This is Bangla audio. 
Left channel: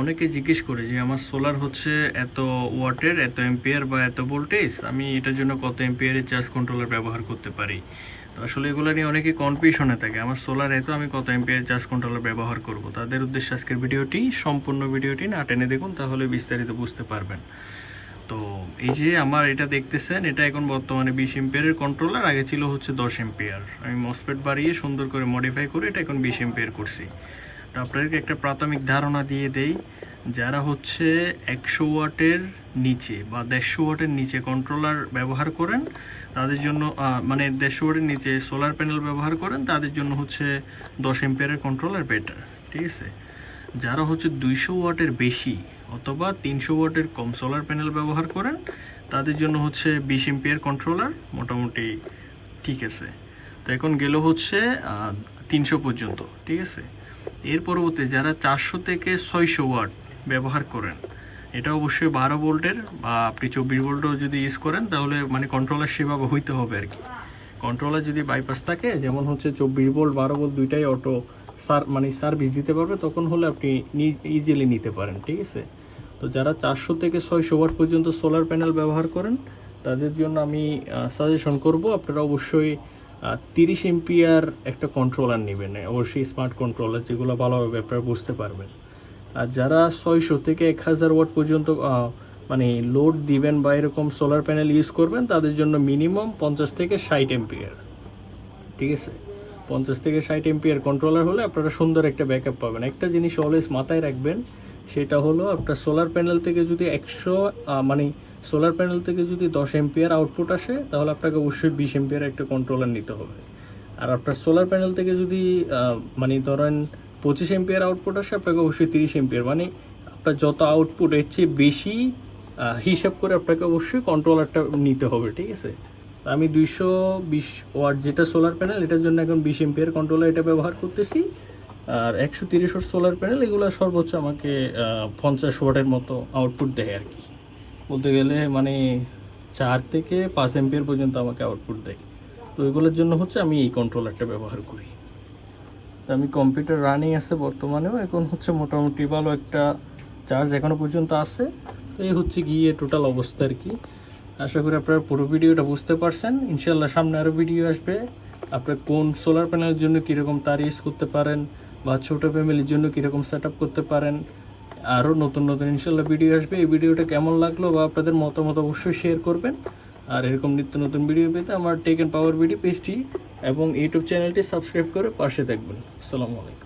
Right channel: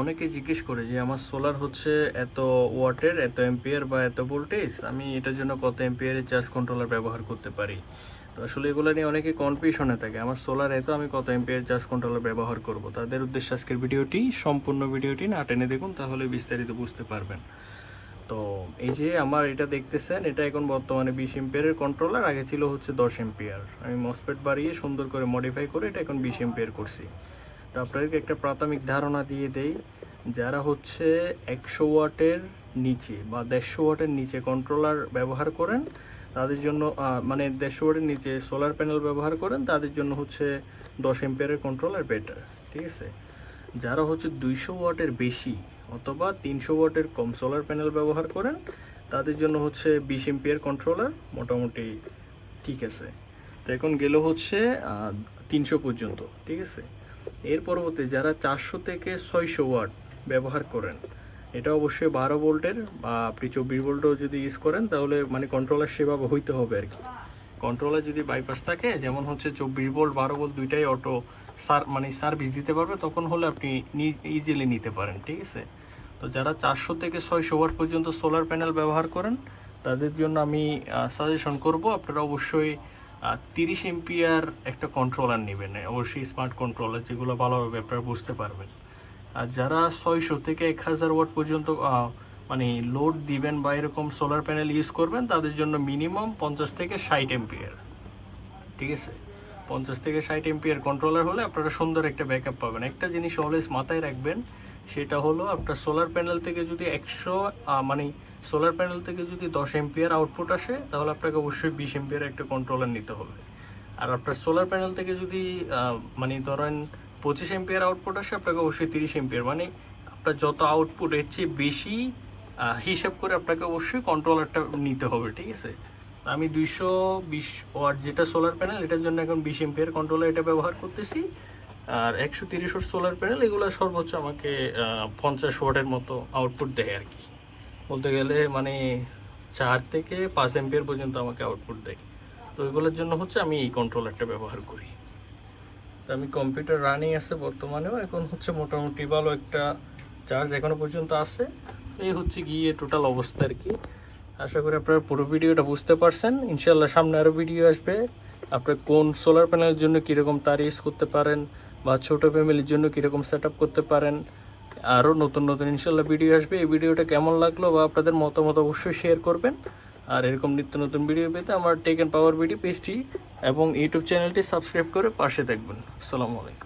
অনেকে জিজ্ঞেস করে যে আমার সোলার হচ্ছে এত ওয়াটের, এত এম্পিয়ার বা এত ভোল্টেজ, আমি এটার জন্য কত এম্পিয়ারের চার্জ কন্ট্রোলার ব্যবহার করতে পারি। তো আসলে এগুলো নিয়ে অনেকে কনফিউশনে থাকে, আমার সোলার এত, আমি কত এম্পিয়ার চার্জ কন্ট্রোলার ব্যবহার করব। তাদের উদ্দেশ্যে আজকের ভিডিওটি, সম্পূর্ণ ভিডিওটি না টেনে দেখুন, তাহলে বিস্তারিত বুঝতে পারবেন। তো এই যে আমার এটা দেখতেছেন, এটা এখন বর্তমানে 20 এম্পিয়ারের কন্ট্রোলার, আগে ছিল হচ্ছে 10 এম্পিয়ার। আমি মসফেট বাড়িয়ে সুন্দর করে মডিফাই করে এটা এখন 20 এম্পিয়ার করছি। তো আপনাদেরকে একটা প্রাথমিক ধারণা দিয়ে দেই, যারা হচ্ছে 100 ওয়াটের নিচে বা 150 ওয়াটের নিচে কন্ট্রোলার ব্যবহার করেন তাদের জন্য, মানে 150 ওয়াটের নিচে সোলার প্যানেল ব্যবহার করেন তাদের জন্য হচ্ছে 10 এম্পিয়ারের কন্ট্রোলার বেটার, ঠিক আছে। যারা হচ্ছে 200 ওয়াটের বেশি অথবা 300 ওয়াটের কম সোলার প্যানেল ব্যবহার করেন তাদের জন্য হচ্ছে 20 এম্পিয়ার কন্ট্রোলার মোটামুটি ঠিক আছে। তো এখন গেল হচ্ছে 300 পর্যন্ত, ঠিক আছে। এর পরবর্তী যারা 400 থেকে 600 ওয়াট ব্যবহার করেন, এটা অবশ্যই 12 ভোল্টের বা আপনি 24 ভোল্টও যদি ইউজ করেন তাহলে মানে কন্ট্রোলার সেভাবে হইতে হবে আর কি। কন্ট্রোলার যদি বাইপাস থাকে, যেমন হচ্ছে 24 ভোল্ট 12 ভোল্ট দুইটাই অটো মানে সার্ভিস দিতে পারবে, তখন হলে আপনি ইজিলি নিতে পারেন, ঠিক আছে। তো যারা 400 থেকে 600 ওয়াট পর্যন্ত সোলার প্যানেল ব্যবহার করেন তাদের জন্য আমি সাজেশন করব আপনারা অবশ্যই 30 এম্পিয়ার একটা কন্ট্রোলার নেবেন, অবশ্যই স্মার্ট কন্ট্রোলার, যেগুলো ভালোভাবে আপনারা বুঝতে পারবেন। আর যারা 600 থেকে 1000 ওয়াট পর্যন্ত মানে লোড দিবেন বা এরকম সোলার প্যানেল ইউজ করবেন তাদের জন্য মিনিমাম 50 থেকে 60 এম্পিয়ার, ঠিক আছে। 50 থেকে 60 এম্পিয়ার কন্ট্রোলার হলে আপনারা সুন্দর একটা ব্যাকআপ পাবেন। একটা জিনিস অলওয়েজ মাথায় রাখবেন, সেটা হলো আপনার সোলার প্যানেল থেকে যদি 100 মানে সোলার প্যানেল থেকে যদি 10 এম্পিয়ার আউটপুট আসে তাহলে আপনাকে অবশ্যই 20 এম্পিয়ার একটা কন্ট্রোলার নিতে হবে। আর আপনার সোলার প্যানেল থেকে যদি মানে ধরেন 25 এম্পিয়ার আউটপুট আসে, আপনাকে অবশ্যই 30 এম্পিয়ার, মানে আপনার যত আউটপুট এর চেয়ে বেশি হিসাব করে আপনাকে অবশ্যই কন্ট্রোলারটা নিতে হবে, ঠিক আছে। আমি 220 ওয়াট যেটা সোলার প্যানেল, এটার জন্য এখন 20 এম্পিয়ার কন্ট্রোলার এটা ব্যবহার করতেছি। আর 130 ওয়াট সোলার প্যানেল এগুলো সর্বোচ্চ আমাকে 50 ওয়াটের মতো আউটপুট দেয় আর কি, বলতে গেলে মানে 4 থেকে 5 এম্পিয়ার পর্যন্ত আমাকে আউটপুট দেয়। তো এগুলোর জন্য হচ্ছে আমি এই কন্ট্রোলারটা ব্যবহার করি। তো আমি কম্পিউটার রানিং আছে বর্তমানেও, এখন হচ্ছে মোটামুটি ভালো একটা চার্জ এখনও পর্যন্ত আছে। এই হচ্ছে গিয়ে টোটাল অবস্থা আর কি। আশা করি আপনারা পুরো ভিডিওটা বুঝতে পারছেন। ইনশাল্লাহ সামনে আরও ভিডিও আসবে, আপনার কোন সোলার প্যানেলের জন্য কীরকম তার ইউজ করতে পারেন বা ছোটো ফ্যামিলির জন্য কীরকম সেট করতে পারেন, আরও নতুন নতুন ইনশাল্লাহ ভিডিও আসবে। এই ভিডিওটা কেমন লাগলো বা আপনাদের মতামত অবশ্যই শেয়ার করবেন। আর এরকম নিত্য নতুন ভিডিও পেতে আমার টেক অ্যান্ড পাওয়ার ভিডিও পেজটি এবং ইউটিউব চ্যানেলটি সাবস্ক্রাইব করে পাশে থাকবেন। আসসালামু আলাইকুম।